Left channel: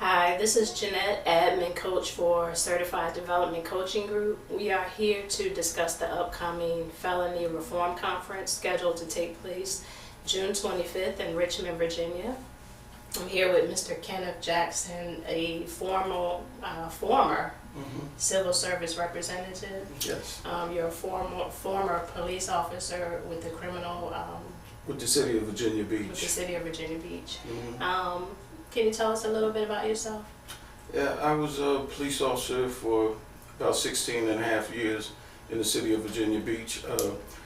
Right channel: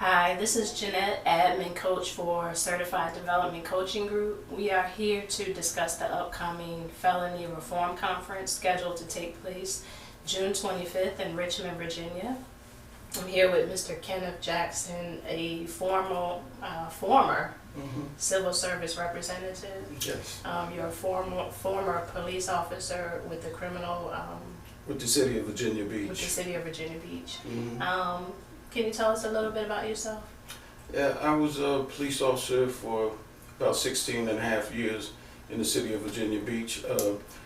Hi, this is Jeanette, admin coach for Certified Development Coaching Group. We are here to discuss the upcoming Felony Reform Conference scheduled to take place June 25th in Richmond, Virginia. I'm here with Mr. Kenneth Jackson, a former civil service representative. Yes. You're a former police officer with the criminal With the city of Virginia Beach. with the city of Virginia Beach. Can you tell us a little bit about yourself? Yeah, I was a police officer for about 16 and a half years in the city of Virginia Beach.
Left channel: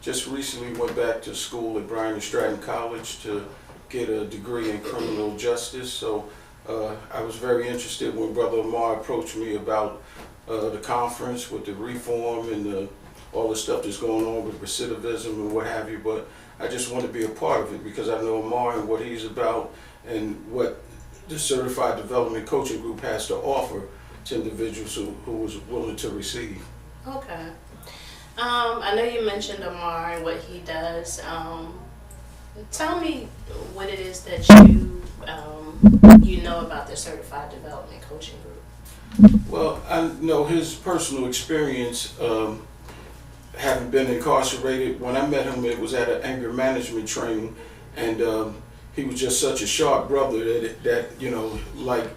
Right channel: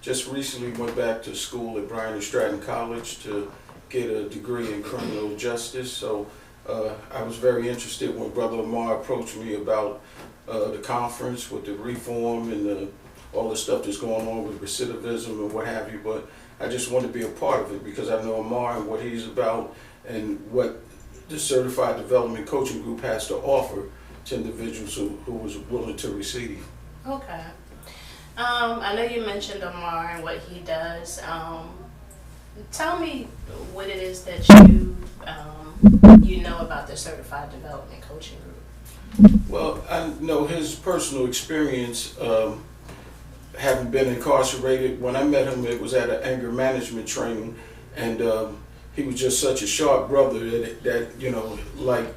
Just recently went back to school at Bryan and Stratton College to get a degree in criminal justice. So I was very interested when Brother Amar approached me about the conference with the reform and all the stuff that's going on with recidivism and what have you. But I just wanted to be a part of it because I know Amar and what he's about and what the Certified Development Coaching Group has to offer to individuals who was willing to receive. Okay. I know you mentioned Amar and what he does. Tell me what it is that you know about the Certified Development Coaching Group. Well, I know his personal experience, having been incarcerated. When I met him, it was at an anger management training, and he was just such a sharp brother that you know, like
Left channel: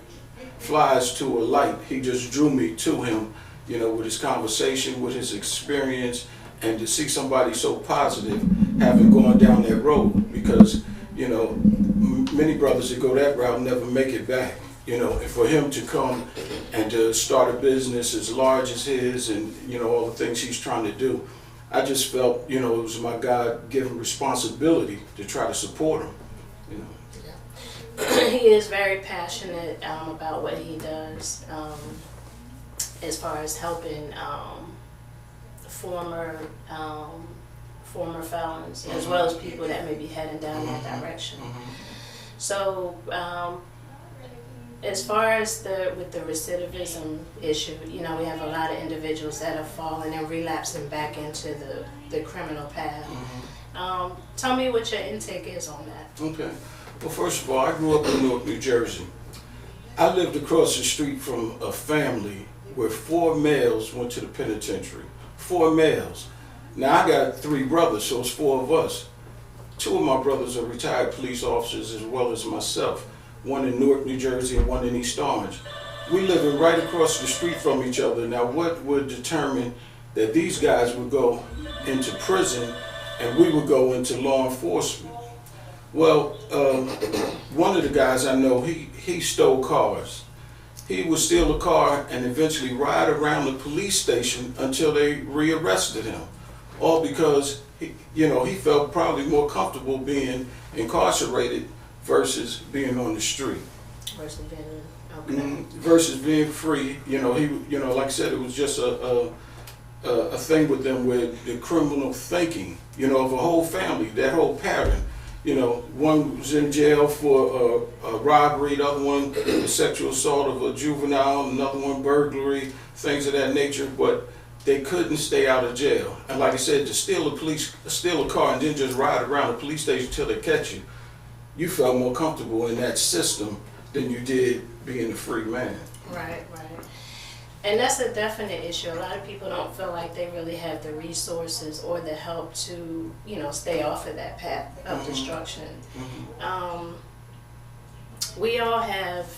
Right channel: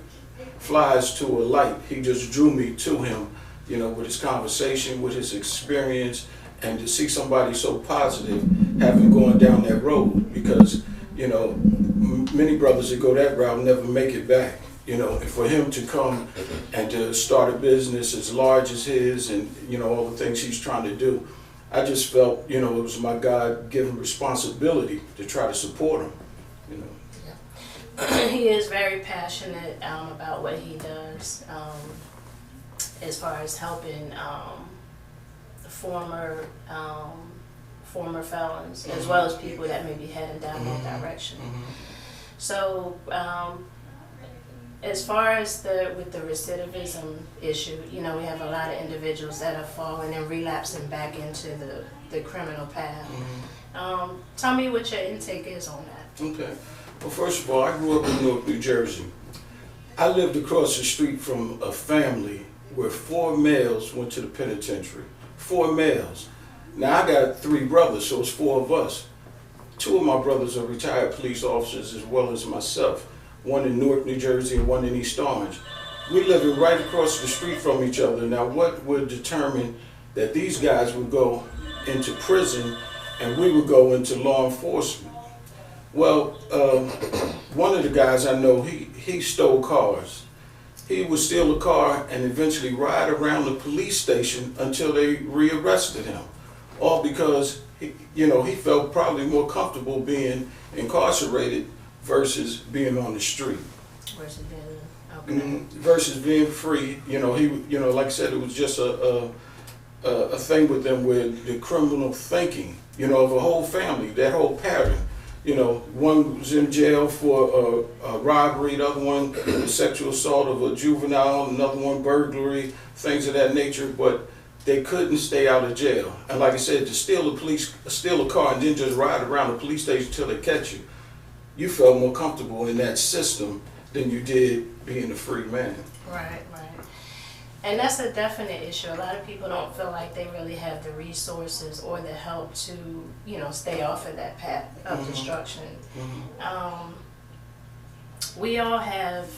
flies to a light. He just drew me to him, you know, with his conversation, with his experience, and to see somebody so positive having gone down that road, because, you know, many brothers that go that route never make it back, you know, and for him to come and to start a business as large as his and, you know, all the things he's trying to do, I just felt, you know, it was my God-given responsibility to try to support him, you know. Yeah. He is very passionate about what he does as far as helping former felons, as well as people that may be heading down that direction. So, as far as with the recidivism issue, you know, we have a lot of individuals that are falling and relapsing back into the criminal path. Tell me what your intake is on that. Okay. Well, first of all, I grew up in Newark, New Jersey. I lived across the street from a family where 4 males went to the penitentiary. 4 males. Now, I got 3 brothers, so it's 4 of us. 2 of my brothers are retired police officers as well as myself. One in Newark, New Jersey, and one in East Orange. We living right across the street from each other. Now, what would determine that these guys would go into prison and we would go into law enforcement? Well, one of the guys I know, he stole cars. He would steal a car and eventually ride around the police station until they rearrested him. All because he felt probably more comfortable being incarcerated versus being on the street. Versus being free. Like I said, it was just a thing with them with the criminal thinking, of a whole family, that whole pattern. One was in jail for a robbery, the other one sexual assault of a juvenile, another one burglary, things of that nature, but they couldn't stay out of jail. And like I said, to steal a car and then just ride around the police station until they catch you, you felt more comfortable in that system than you did being a free man. Right. And that's a definite issue. A lot of people don't feel like they really have the resources or the help to, stay off of that path of destruction. We all have,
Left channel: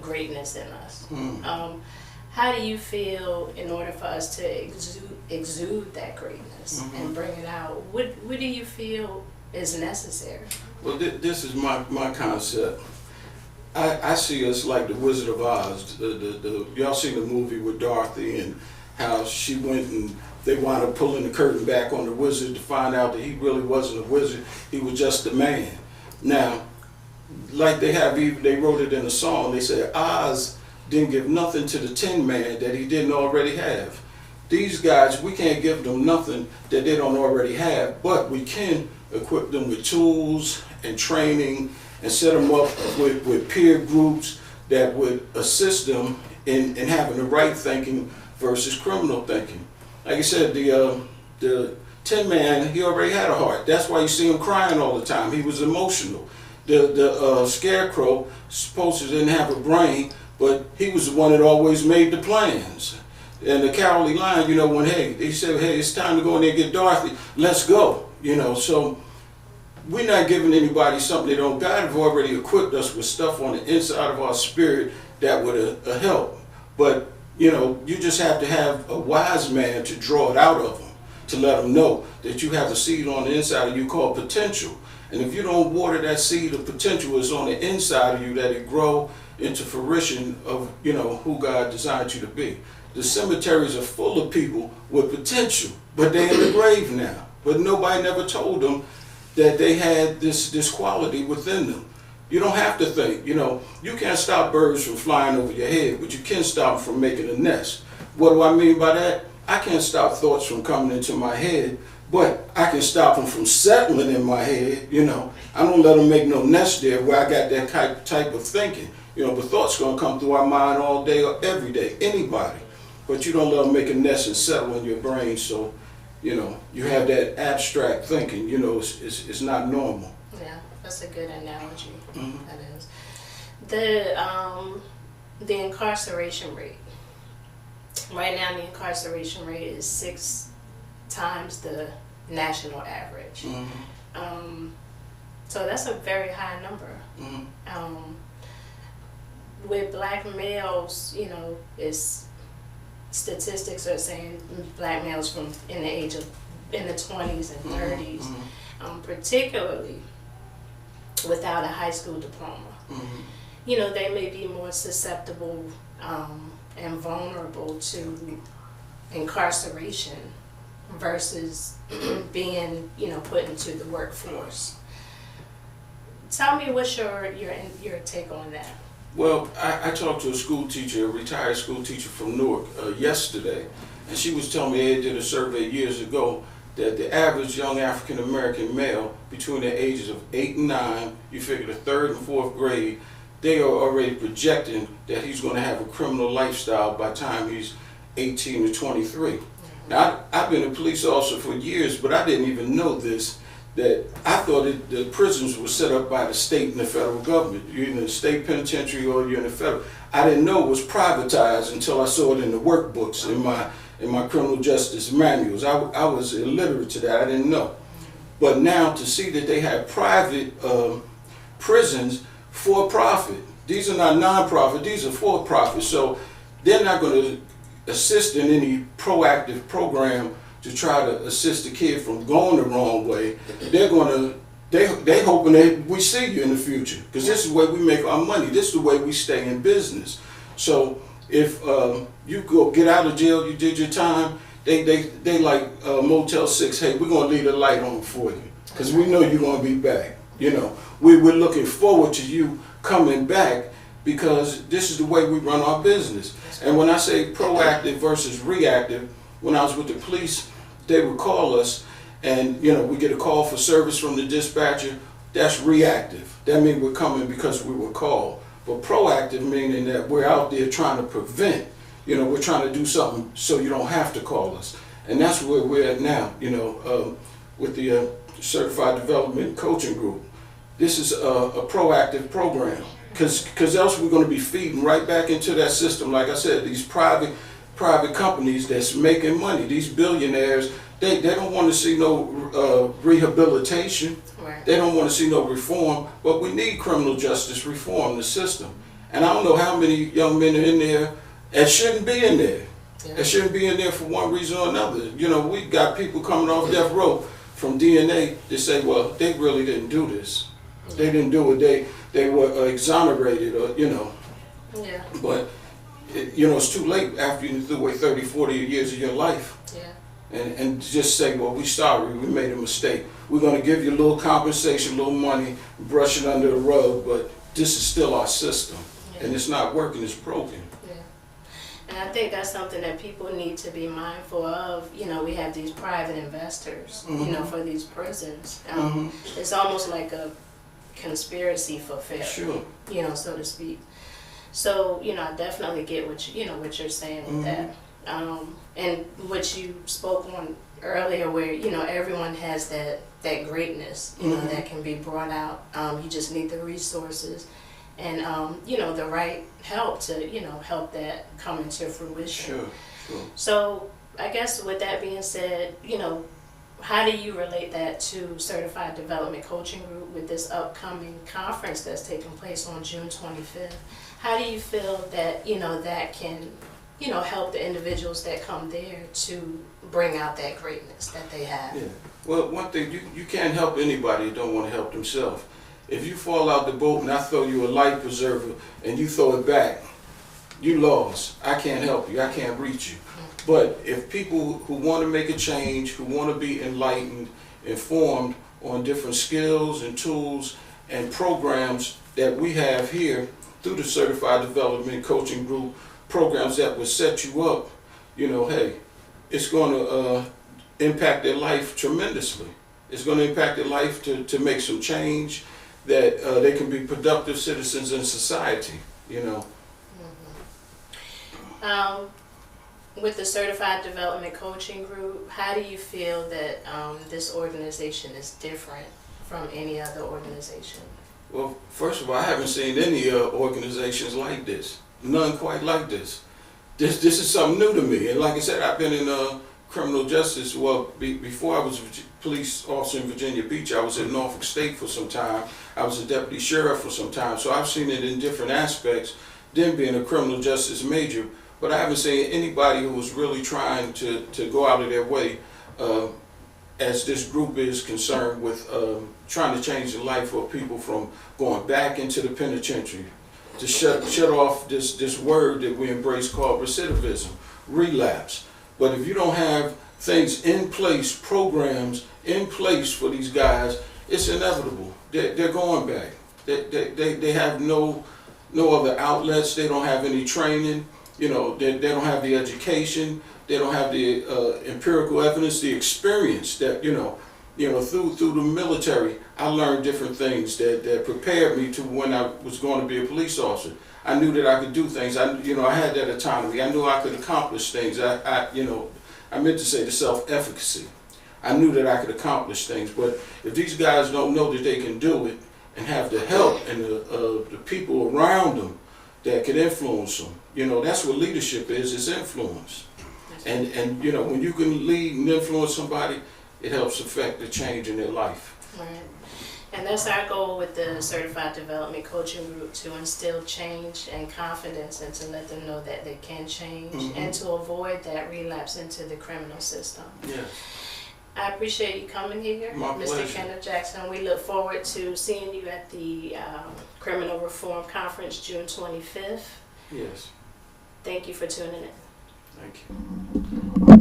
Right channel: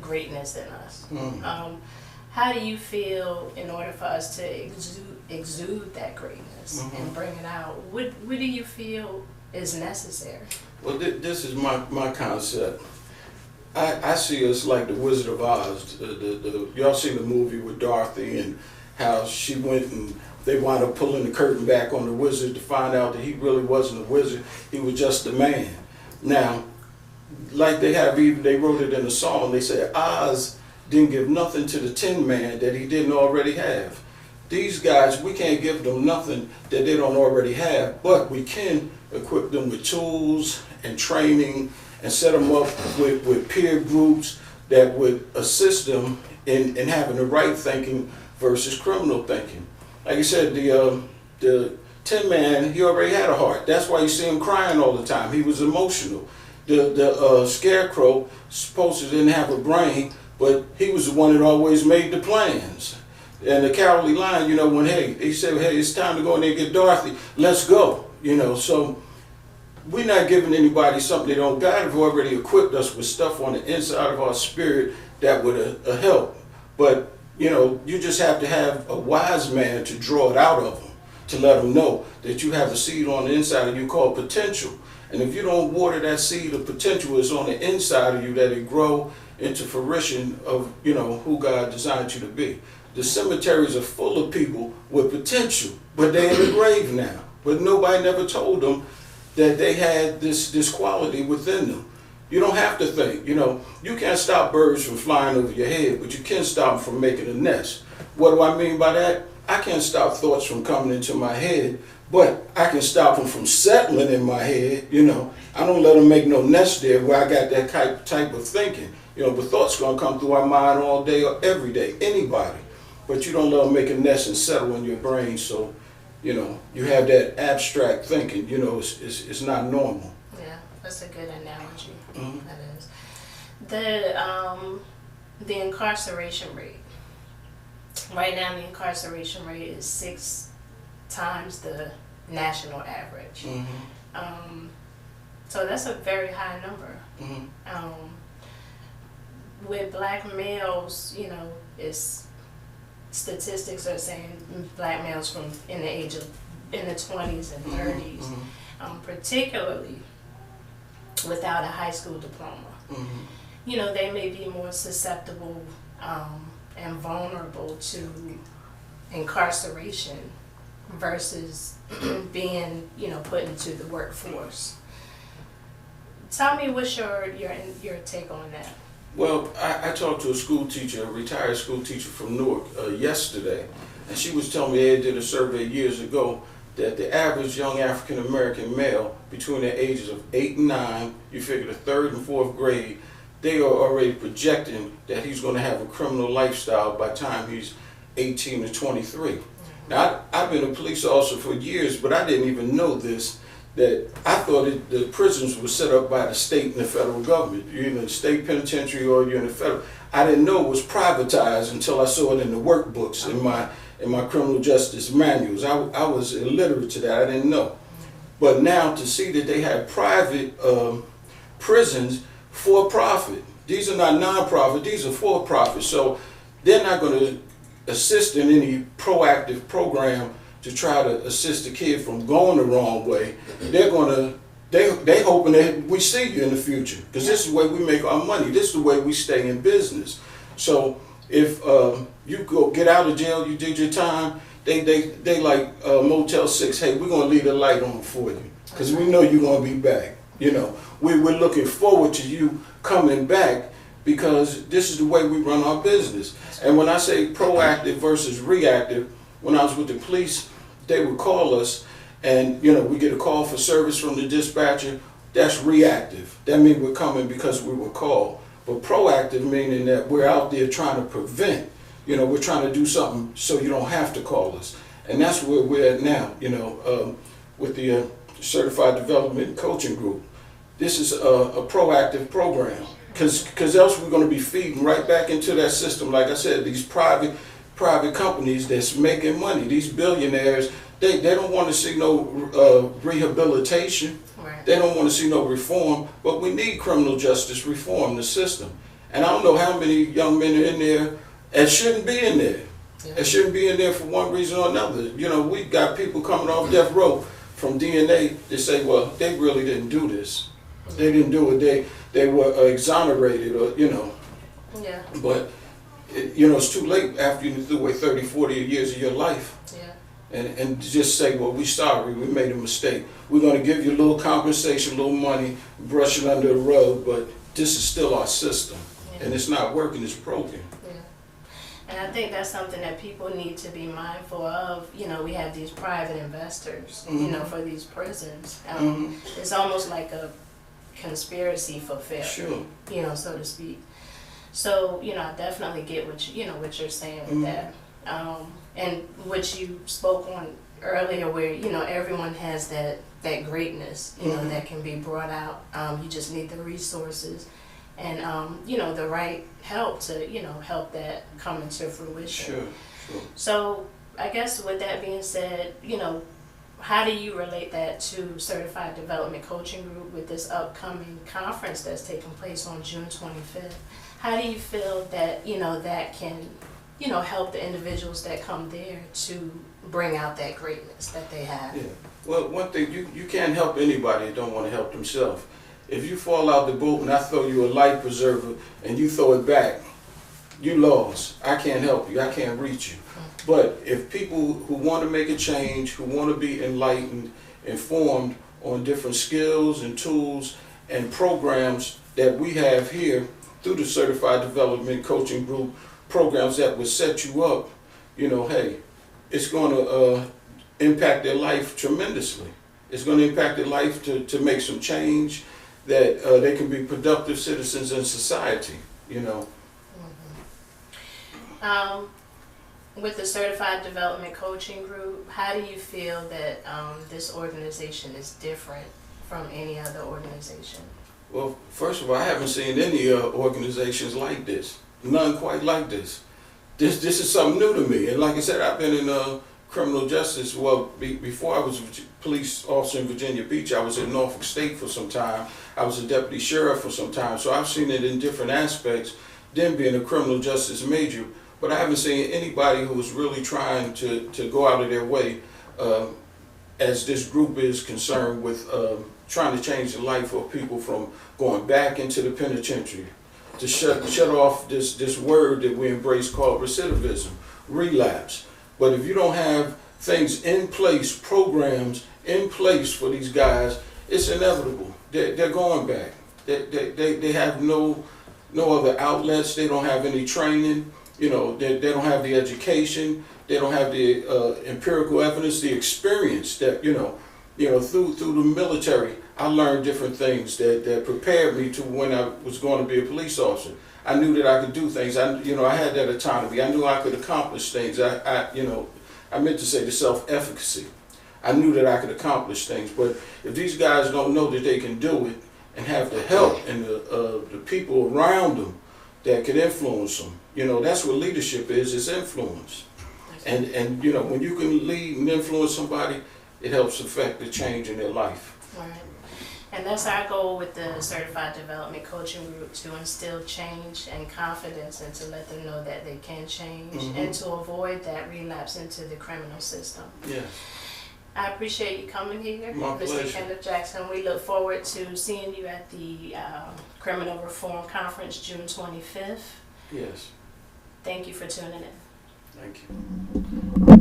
greatness in us. How do you feel in order for us to exude that greatness and bring it out? What do you feel is necessary? Well, this is my concept. I see us like the Wizard of Oz. Y'all seen the movie with Dorothy and how she went and they wound up pulling the curtain back on the wizard to find out that he really wasn't a wizard. He was just a man. Now, like they wrote it in a song. They said Oz didn't give nothing to the Tin Man that he didn't already have. These guys, we can't give them nothing that they don't already have, but we can equip them with tools and training and set them up with peer groups that would assist them in having the right thinking versus criminal thinking. Like I said, the Tin Man, he already had a heart. That's why you see him crying all the time. He was emotional. The scarecrow supposed to didn't have a brain, but he was the one that always made the plans. And the Cowardly Lion, when he said, hey, it's time to go in there and get Dorothy, let's go. So we're not giving anybody something they don't. God have already equipped us with stuff on the inside of our spirit that would help. But, you just have to have a wise man to draw it out of them, to let them know that you have a seed on the inside of you called potential. And if you don't water that seed of potential is on the inside of you, that it grow into fruition of, who God designed you to be. The cemeteries are full of people with potential, but they're in the grave now. But nobody never told them that they had this quality within them. You don't have to think, you can't stop birds from flying over your head, but you can stop them from making a nest. What do I mean by that? I can't stop thoughts from coming into my head, but I can stop them from settling in my head, I don't let them make no nest there where I got that type of thinking. But thoughts gonna come through our mind all day or every day, anybody. But you don't let them make a nest and settle in your brain, so, you have that abstract thinking, it's not normal. Yeah, that's a good analogy. Mm-hmm. That is. The incarceration rate. Right now, the incarceration rate is 6 times the national average. Mm-hmm. So that's a very high number. Mm-hmm. With black males, it's statistics are saying black males in the 20s and 30s, Mm-hmm. Particularly without a high school diploma. Mm-hmm. They may be more susceptible and vulnerable to incarceration versus being, put into the workforce. Tell me what's your take on that? Well, I talked to a school teacher, a retired school teacher from Newark yesterday, and she was telling me they did a survey years ago that the average young African American male between the ages of 8 and 9, you figure the 3rd and 4th grade, they are already projecting that he's going to have a criminal lifestyle by the time he's 18 to 23. Mm-hmm. Now, I've been a police officer for years, but I didn't even know this, that I thought the prisons were set up by the state and the federal government. You're in the state penitentiary or you're in the federal. I didn't know it was privatized until I saw it in the workbooks, in my criminal justice manuals. I was illiterate to that. I didn't know. But now to see that they have private prisons for profit. These are not non-profit, these are for profit. So they're not going to assist in any proactive program to try to assist the kid from going the wrong way. They're hoping that we see you in the future, because this is the way we make our money. This is the way we stay in business. So if you go get out of jail, you did your time, they like Motel 6, hey, we're going to leave the light on for you, because we know you're going to be back. We're looking forward to you coming back, because this is the way we run our business. And when I say proactive versus reactive, when I was with the police, they would call us and, we get a call for service from the dispatcher. That's reactive. That means we're coming because we were called. But proactive meaning that we're out there trying to prevent, we're trying to do something so you don't have to call us. And that's where we're at now, with the Certified Development Coaching Group. This is a proactive program, because else we're going to be feeding right back into that system. Like I said, these private companies that's making money, these billionaires, they don't want to see no rehabilitation. Right. They don't want to see no reform, but we need criminal justice reform, the system. And I don't know how many young men are in there that shouldn't be in there. Yeah. That shouldn't be in there for one reason or another. We got people coming off death row from DNA to say, well, they really didn't do this. They didn't do it. They were exonerated, or Yeah. But it's too late after you threw away 30, 40 years of your life. Yeah. And just say, well, we're sorry, we made a mistake. We're going to give you a little compensation, a little money, brush it under the rug, but this is still our system. Yeah. And it's not working, it's broken. And I think that's something that people need to be mindful of. We have these private investors, mm-hmm. For these prisons. Mm-hmm. It's almost like a conspiracy for failure, sure. So to speak. So, I definitely get what you're saying with mm-hmm. that. And what you spoke on earlier, where everyone has that greatness, that can be brought out. You just need the resources and the right help to help that come into fruition. Sure. So I guess with that being said, how do you relate that to Certified Development Coaching Group with this upcoming conference that's taking place on June 25th? How do you feel that that can help the individuals that come there to bring out that greatness that they have? Yeah. Well, one thing, you can't help anybody that don't want to help themselves. If you fall out the boat and I throw you a life preserver and you throw it back, you lost. I can't help you. I can't reach you. But if people who want to make a change, who want to be enlightened, informed on different skills and tools and programs that we have here through the Certified Development Coaching Group, programs that will set you up, hey, it's going to impact their life tremendously. It's going to impact their life to make some change, that they can be productive citizens in society, With the Certified Development Coaching Group, how do you feel that this organization is different from any other organization? Well, first of all, I haven't seen any organizations like this. None quite like this. This is something new to me. And like I said, I've been in criminal justice. Well, before I was a police officer in Virginia Beach, I was at Norfolk State for some time. I was a deputy sheriff for some time. So I've seen it in different aspects, then being a criminal justice major. But I haven't seen anybody who was really trying to go out of their way, as this group is concerned with trying to change the life of people from going back into the penitentiary, to shut off this word that we embrace called recidivism, relapse. But if you don't have things in place, programs in place for these guys, it's inevitable. They're going back. They have no other outlets. They don't have any training. They don't have the education. They don't have the empirical evidence, the experience that, through the military, I learned different things that prepared me to when I was going to be a police officer. I knew that I could do things. I had that autonomy. I knew I could accomplish things. I meant to say the self-efficacy. I knew that I could accomplish things. But if these guys don't know that they can do it and have the help and the people around them that can influence them, that's what leadership is influence. And when you can lead and influence somebody, it helps affect the change in their life. Right. And that's our goal with the Certified Development Coaching Group, to instill change and confidence and to let them know that they can change, and to avoid that relapse into the criminal system. Yes. I appreciate you coming here, My Mr. pleasure. Kenneth Jackson. We look forward to seeing you at the Criminal Reform Conference June 25th. Yes. Thank you for tuning in. Thank you.